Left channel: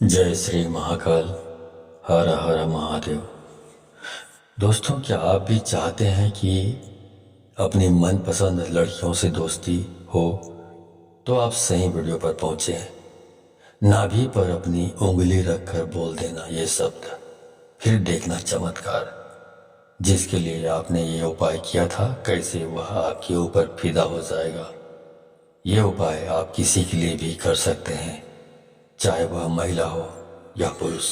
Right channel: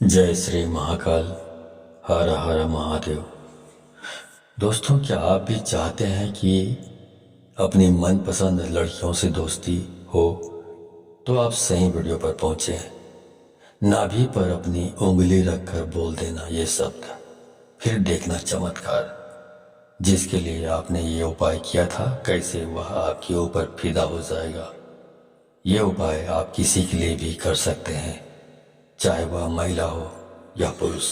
जय श्री महाकाल। हर हर महादेव। दोस्तों, क्या आप भी चाहते हैं कि अपनी मनपसंद लड़कियों से दोस्ती हो? तो आप सही वीडियो पर पहुंचे हैं। नाभि पर अपनी उंगली रखकर बोल देना ये शब्द, फिर देखना चमत्कार। जिसके लिए आपने ये उपाय किया था, कैसे वह आपके ऊपर फिदा हो जाएगा। ये उपाय आप किसी के लिए भी कर सकते हैं, चाहे वह महिला हो या पुरुष।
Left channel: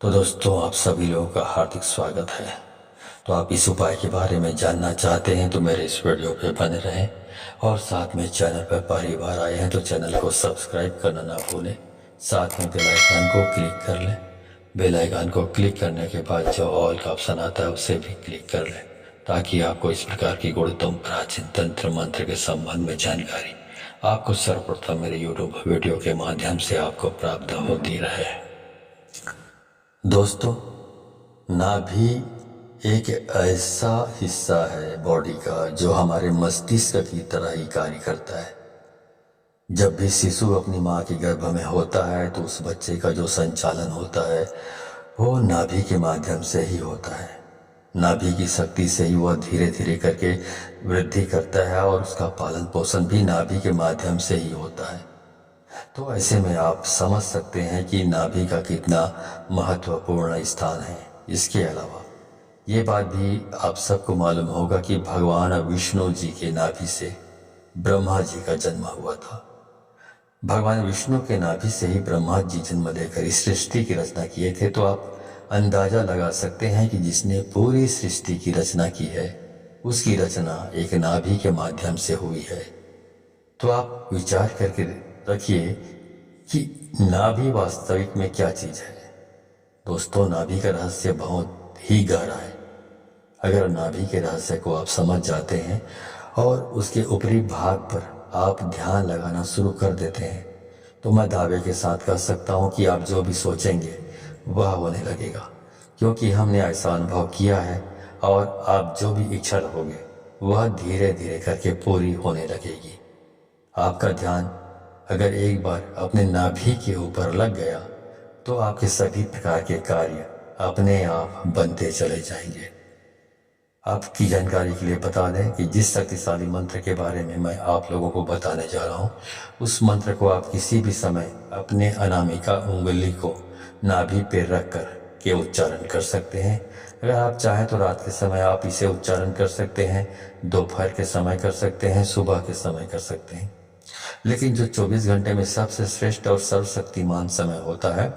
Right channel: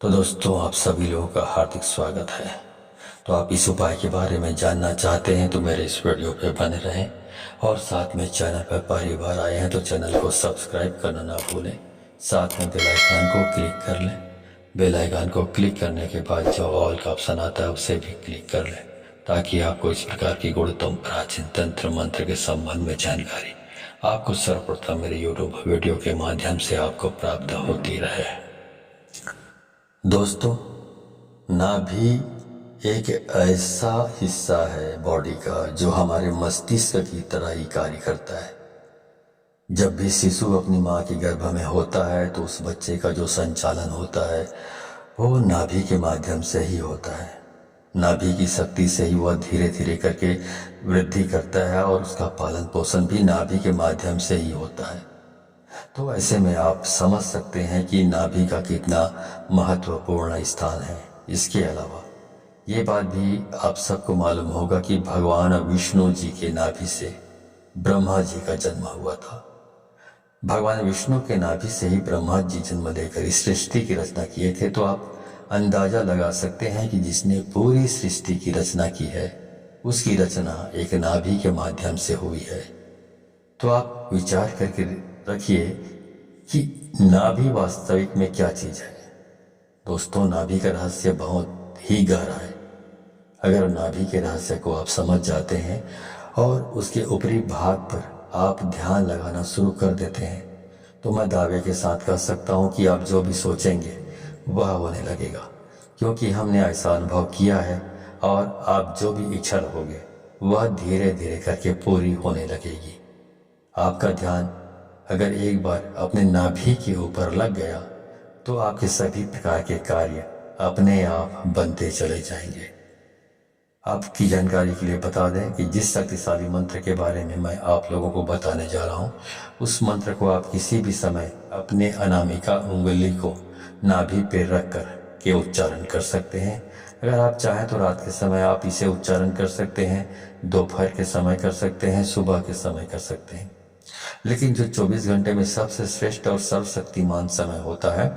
तो दोस्तों, आप सभी लोगों का हार्दिक स्वागत है। तो आप इस उपाय के बारे में जानना चाहते हैं तो मेरे इस वीडियो पे बने रहें, और साथ में चैनल पर पहली बार आए हैं तो चैनल को सब्सक्राइब करना ना भूलें। साथ में बेल आइकन को क्लिक कर लें। बेल आइकन को क्लिक करने के बाद जो ऑल का ऑप्शन आता है उसे भी क्लिक कर लें, ताकि आपको इस प्रकार की गुणतम प्राचीन तंत्र मंत्र के संबंध में जानकारी आपको सर्वप्रथम मेरे यूट्यूब वीडियो के माध्यम से आपको प्राप्त होती रहे। दोस्तों, नाभि एक ऐसा हिस्सा है बॉडी का जो हमारे मस्तिष्क की तरह ही कार्य करता है। जब भी शिशु अपनी माँ के गर्भ में होता है तो उस बच्चे का जो संचालन होता है वो नाभि के माध्यम से ही होता है। नाभि की शक्ति से ही वह धीरे धीरे करके वृद्धि करता है, और उसका पालन पोषण भी नाभि के माध्यम से ही होता है। तो ऐसे में आप समझ सकते हैं कि नाभि का कितना महत्वपूर्ण स्थान है। इसके अलावा ये बात भी आप सबको मालूम होगा कि भगवान विष्णु जी के नाभि से ब्रह्मा जी का जन्म हुआ था। भगवान विष्णु के नाभि से ही ब्रह्मा जी जन्म लेकर इस सृष्टि की रचना किए थे। तो आप अंदाजा लगा सकते हैं कि जिसने पूरी सृष्टि की रचना की है उसकी रचना एक नाभि के माध्यम से हुई है। तो आप विचार करके रखिए कि नाभि वास्तविक में क्या चीज है। दोस्तों, नाभि का रहस्य बहुत ही गहरा है। अगर नाभि के रहस्य को आप समझ जाते हैं और उसके ऊपरी भाग पर आप ध्यान लगाना शुरू कर देते हैं तो मैं दावे के साथ कह सकता हूं कि आप जो भी सोचेंगे वह होने लगेगा, क्योंकि हमने ऐसा अनुभव किया है। और आप जो भी इच्छा रखोगे वह धीरे धीरे करके पूरी होने लगेगी। आपका ध्यान अगर एक बार अपने नाभि के ऊपर लग गया तो आपके सभी प्रकार के कार्य अपने आप बनते चले जाएंगे। आपकी जानकारी के लिए बता दें कि जिस शक्तिशाली मंत्र के बारे में मैं आप लोगों को बताने जा रहा हूँ, उस मंत्र को आप किसी भी समय अपने अनामिका उंगली को नाभि पे रख कर के उच्चारण कर सकते हैं। अगर आप चाहें तो रात के समय आप इसे उच्चारण कर सकते हैं, दोपहर के समय कर सकते हैं, सुबह के समय कर सकते हैं। लेकिन जो 24 घंटे में सबसे श्रेष्ठ और सर्वशक्तिमान समय होता है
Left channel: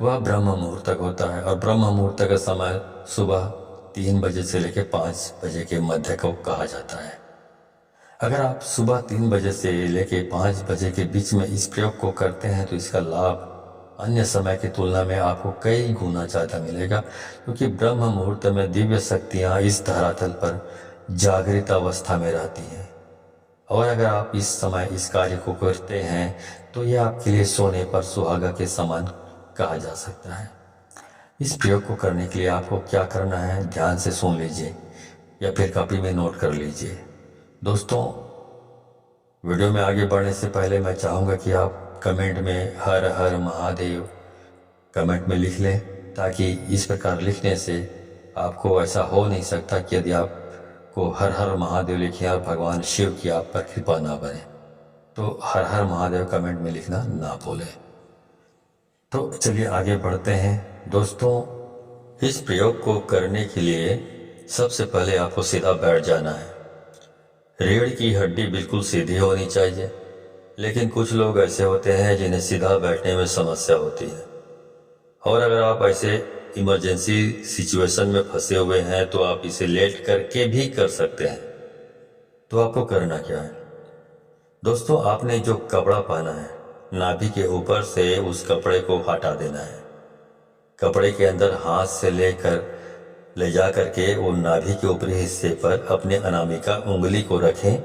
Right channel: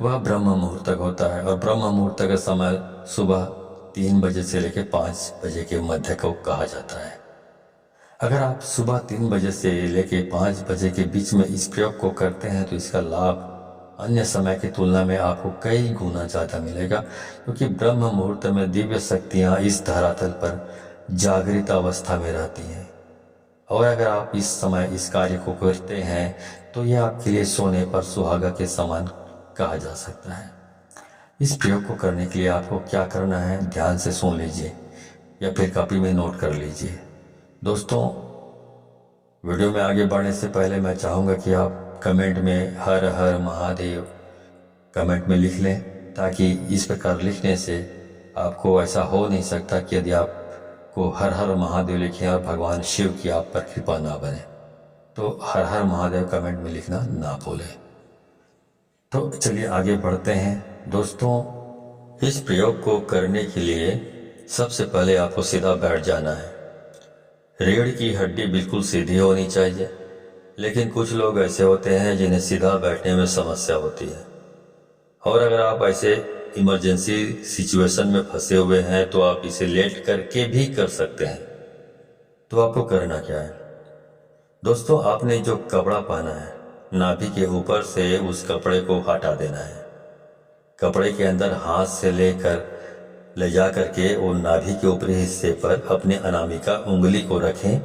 वह ब्रह्म मुहूर्त तक होता है। और ब्रह्म मुहूर्त का समय सुबह 3 बजे से लेकर 5 बजे के मध्य को कहा जाता है। अगर आप सुबह 3 बजे से लेकर 5 बजे के बीच में इस प्रयोग को करते हैं तो इसका लाभ अन्य समय की तुलना में आपको कई गुना ज़्यादा मिलेगा, क्योंकि ब्रह्म मुहूर्त में दिव्य शक्तियाँ इस धरातल पर जागृत अवस्था में रहती हैं। और अगर आप इस समय इस कार्य को करते हैं तो यह आपके लिए सोने पर सुहागा के समान कहा जा सकता है। इस प्रयोग को करने के लिए आपको क्या करना है, ध्यान से सुन लीजिए या फिर कॉपी में नोट कर लीजिए। दोस्तों, वीडियो में आगे बढ़ने से पहले मैं चाहूँगा कि आप कमेंट में हर हर महादेव कमेंट में लिख लें, ताकि इस प्रकार लिखने से आपको ऐसा हो नहीं सकता कि यदि आप को हर हर महादेव लिखें और भगवान शिव की आप पर कृपा ना बने, तो हर हर महादेव कमेंट में लिखना ना भूलें। तो चलिए आगे बढ़ते हैं। दोस्तों, इस प्रयोग को करने के लिए सबसे पहले आपको सीधा बैठ जाना है। रीढ़ की हड्डी बिल्कुल सीधी होनी चाहिए, लेकिन कुछ लोग ऐसे होते हैं जिन्हें सीधा बैठने में समस्या होती है। और अगर आप ऐसे इमरजेंसी सिचुएशन में फंसे हुए हैं तो आप इसे लेट करके भी कर सकते हैं। तो आपको करना क्या है दोस्तों, आपने जो कपड़ा पहना है नाभि के ऊपर से उस कपड़े को हटा देना है। कपड़े के अंदर हाथ से ले जा करके वो नाभि के ऊपरी हिस्से पर अपने अनामिका उंगली को रखें।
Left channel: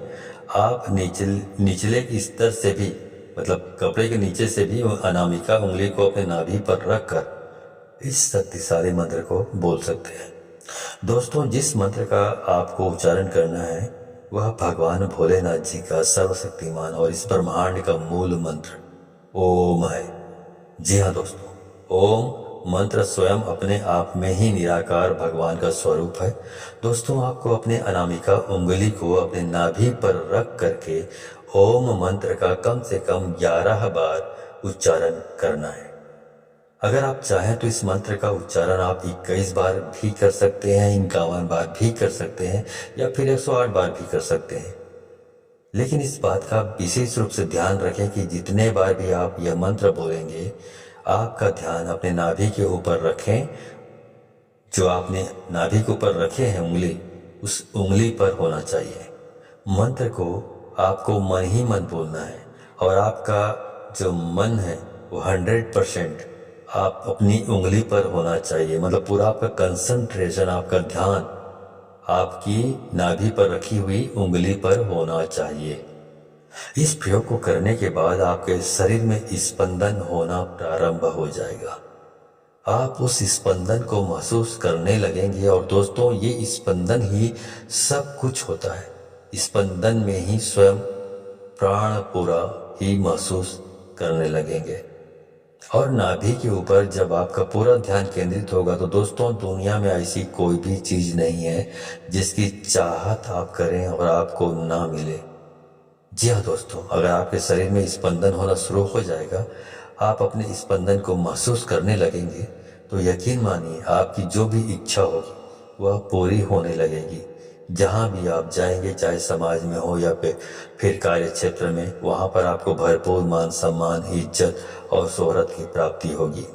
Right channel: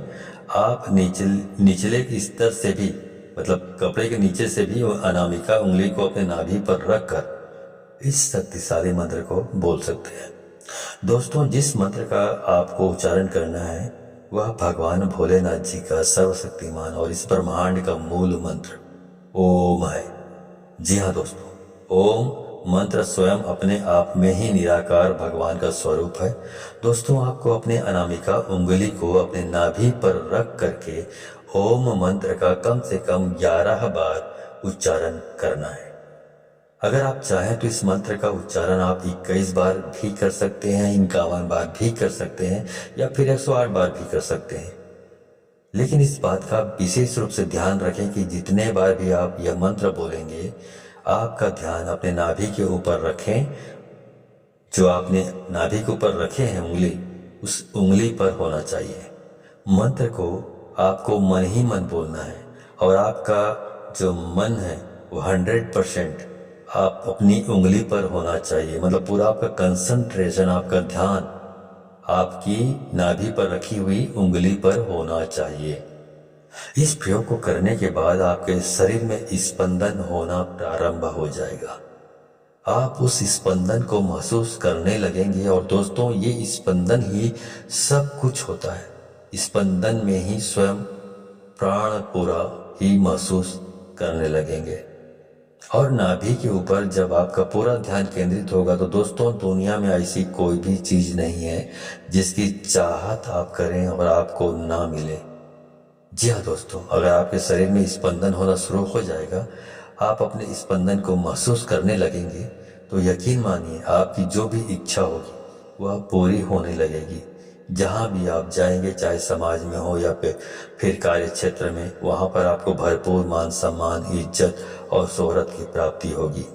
आप निचले स्तर से भी, मतलब कपड़े के नीचे से भी अनामिका उंगली को अपने नाभि पर रखकर इस शक्तिशाली मंत्र को बोल सकते हैं। दोस्तों, जिस मंत्र का आपको उच्चारण करना है वह भगवान भोलेनाथ जी का सर्वशक्तिमान और इस ब्रह्मांड का मूल मंत्र ओम है। जी हाँ दोस्तों, ओम मंत्र स्वयं अपने आप में ही निराकार भगवान का स्वरूप है। दोस्तों, आपको अपने अनामिका उंगली को अपने नाभि पर रख करके ओम मंत्र का कम से कम 11 बार उच्चारण करना है। अगर आप चाहें तो इस मंत्र का उच्चारण आप 21 बार भी कर सकते हैं, 51 बार भी कर सकते हैं, या फिर 108 बार भी कर सकते हैं। लेकिन इस बात का विशेष रूप से ध्यान रखें कि जितने बार भी आप यह मंत्र बोलेंगे, आपका ध्यान अपने नाभि के ऊपर रखें। जो आपने नाभि के ऊपर रखे हैं उंगली, उस उंगली पर होना चाहिए। मंत्र को आपको मन ही मन बोलना है और आपका जो मन है वो 100% आप अपनी उंगली पर होना चाहिए। मतलब पूरा आपका कंसंट्रेशन, आपका ध्यान आपकी नाभि पर रखी हुई उंगली पर होना चाहिए। इस प्रयोग को करने के बाद आपके शरीर में स्पंदन होना प्रारंभ हो जाएगा। आप उस स्पंदन को महसूस करने लगेंगे और दोस्तों, ये स्पंदन ही सब कुछ होता है। स्पंदन में ही स्वयं प्राण पूरा ही महसूस करने लगेंगे। और नाभि के ऊपर जब आपका पूरा ध्यान केंद्रित होगा तो दोस्तों, दुनिया में ऐसी कोई भी चीज नहीं है जिसकी चाहत आप करें और आपको ना मिले। जी हाँ दोस्तों, अगर आपके शरीर में स्पंदन होना शुरू हो जाएगा, आप अपने स्पंदन को महसूस करने लगेंगे, तो यकीन मानिए आपकी जो भी इच्छा होगी वह पूरी होने लगेगी। जहाँ भी आप जाएंगे, चाहे समाज में हो या फिर कार्य क्षेत्र में, वहाँ पर आपको भरपूर मान सम्मान, इज्जत और शोहरत की प्राप्ति होगी।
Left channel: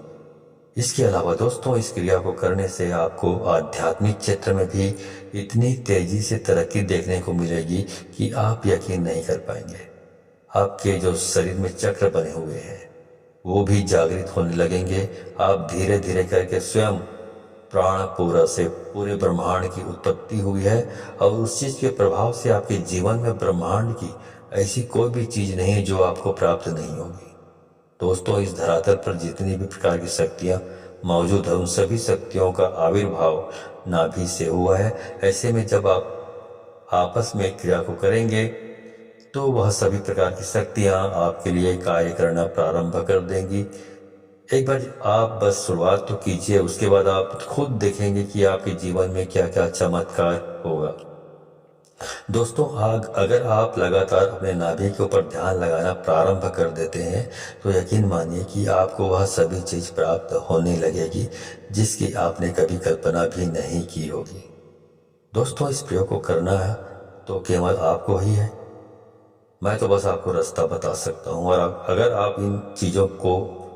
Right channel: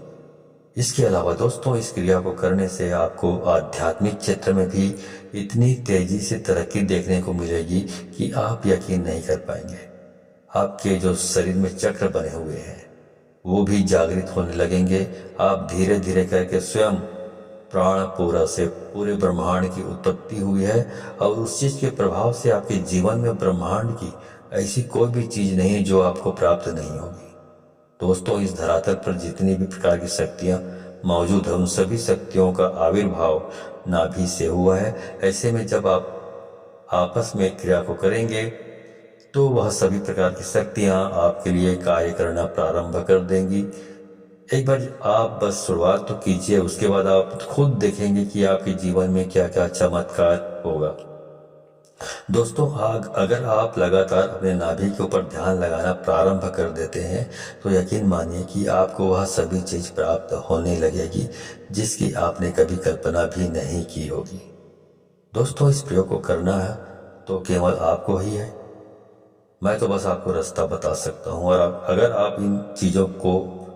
इसके अलावा दोस्तों, इस क्रिया को करने से आपको आध्यात्मिक क्षेत्र में भी इतनी तेजी से तरक्की देखने को मिलेगी कि आप यकीन नहीं कर पाएंगे। आपके जो शरीर में चक्र बने हुए हैं वो भी जागृत होने लगेंगे। आप धीरे धीरे करके स्वयं प्राण पूरा से पूरे ब्रह्मांड की उत्पत्ति हुई है और उस चीज के प्रभाव से आपके जीवन में ब्रह्मांड की ऐसी कोई भी चीज नहीं है जो आपको प्राप्त नहीं होगी। दोस्तों, इस धरातल पर जितनी भी प्रकार की शक्तियां मौजूद है, उन सभी शक्तियों का आविर्भाव नाभि से हुआ है। ऐसे में जब आप आपस में क्रिया को करेंगे तो वह सभी प्रकार की शक्तियां आपके लिए कार्य करना प्रारंभ कर देंगी। एक बार आप बस शुरुआत तो कीजिए, उसके बाद आप खुद देखेंगे कि आपके जीवन में क्या क्या चमत्कार होगा। दोस्तों, अगर आप लगातार अपने नाभि के ऊपर ध्यान लगाना प्रारंभ कर देते हैं तो यकीन मानिए कि आपको वह सभी चीज प्राप्त होने लगेगी जिसकी आपने कभी कल्पना भी नहीं की होगी। दोस्तों, इस प्रयोग को करना है तो केवल आपको ही है। मैं तो बस आपको रास्ता बता सकता हूँ, और अगर आप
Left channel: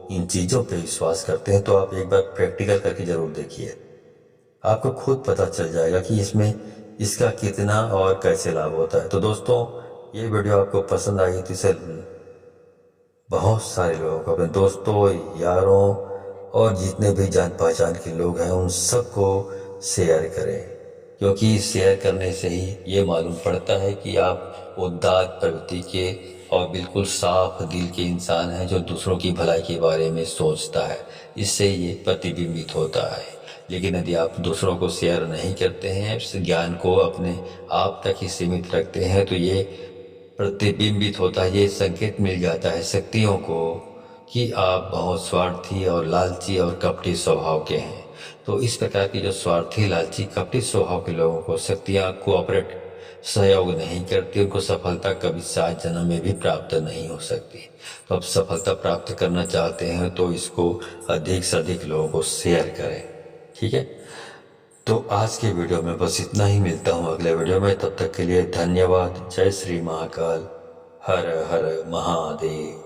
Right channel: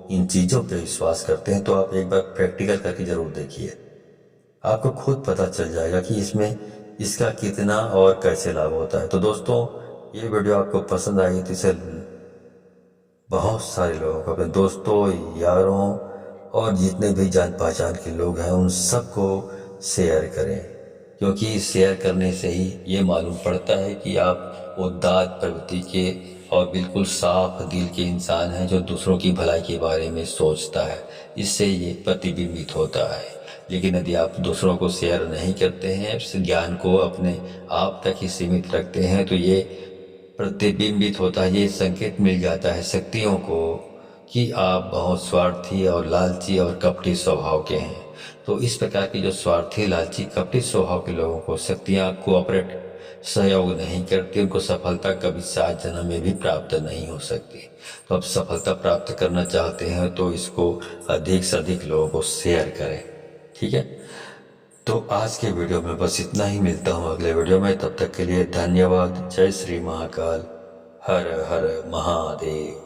इन चीज़ों पे विश्वास करते हैं तो आप एक बार प्रैक्टिकल करके ज़रूर देखिए। आपको खुद पता चल जाएगा कि इसका कितना और कैसे लाभ होता है। तो दोस्तों, ये वीडियो आपको पसंद आई तो इसे बहुत सारे लोगों को, अपने दोस्तों, यारों और जितने भी जान पहचान के लोग हैं उन सबको शेयर करें, क्योंकि शेयर करने से ही ये मालूम पड़ता है कि आप उदात्त प्रवृत्ति के और बिल्कुल साफ दिल के इंसान हैं जो दूसरों की भलाई के बारे में सोचता है। इससे ये प्रतिबिंबित होता है। लेकिन यदि आप दूसरों को शेयर नहीं करते हैं, इस ज्ञान को अपने आप तक ही सीमित रखते हैं, तो ये प्रतिबिंबित होता है, ये संकेत मिल जाता है शक्तियों को कि आप बहुत स्वार्थी और लालची और कपटी स्वभाव के हैं। तो इस प्रकार की जो स्वार्थी, लालची, कपटी स्वभाव के लोगों को शक्तियाँ कोऑपरेट, सहयोग नहीं करती, उनको सफलता कभी 7 जन्म में भी प्राप्त नहीं हो सकती। तो आप सफलता प्राप्त करना चाहते हैं तो इसको अधिक से अधिक लोगों को शेयर करें, ठीक है। तो आज के वीडियो में बस इतना ही। मिलता हूँ अगले वीडियो में, तब तक के लिए धन्यवाद। जय श्री महाकाल, हर हर महादेव।